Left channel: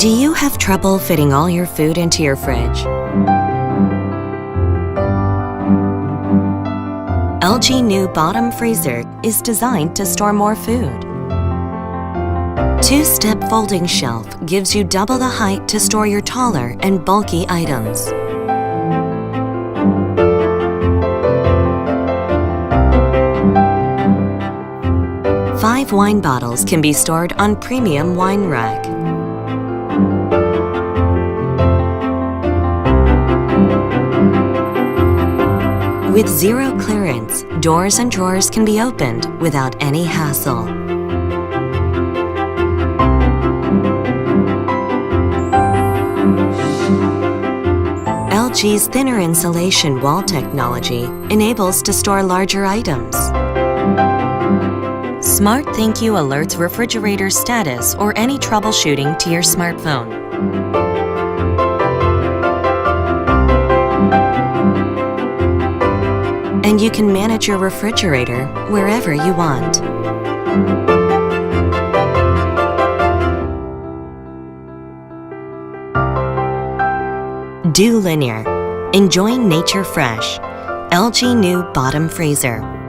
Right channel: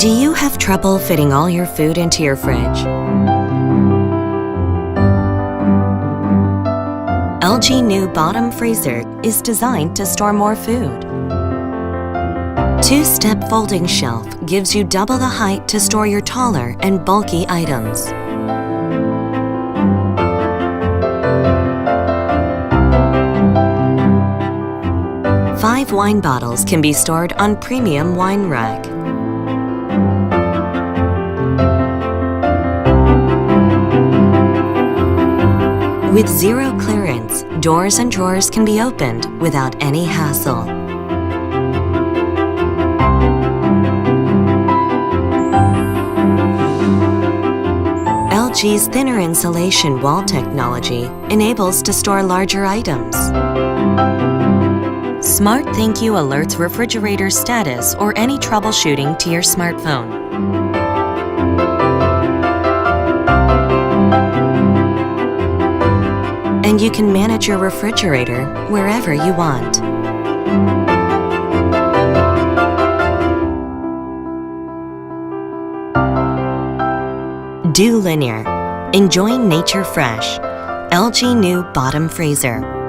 Do you have trouble fitting all your food into your fridge? LG new bottom freezer is designed to store more food. Two-step folding shelf gives you double the height to store your taller and bulky items. Five wine bottles can be stored on premium wine rack. With zero clearance, doors and drawers can be opened without any hassle. LG's thinner insulation wall technology enables to store larger items. Smart Thank You alerts refrigerator status or any troubleshooting to your smartphone. And you can manage your refrigerator wherever you want. Do linear. Enjoying nature fresh. LG new bottom freezer.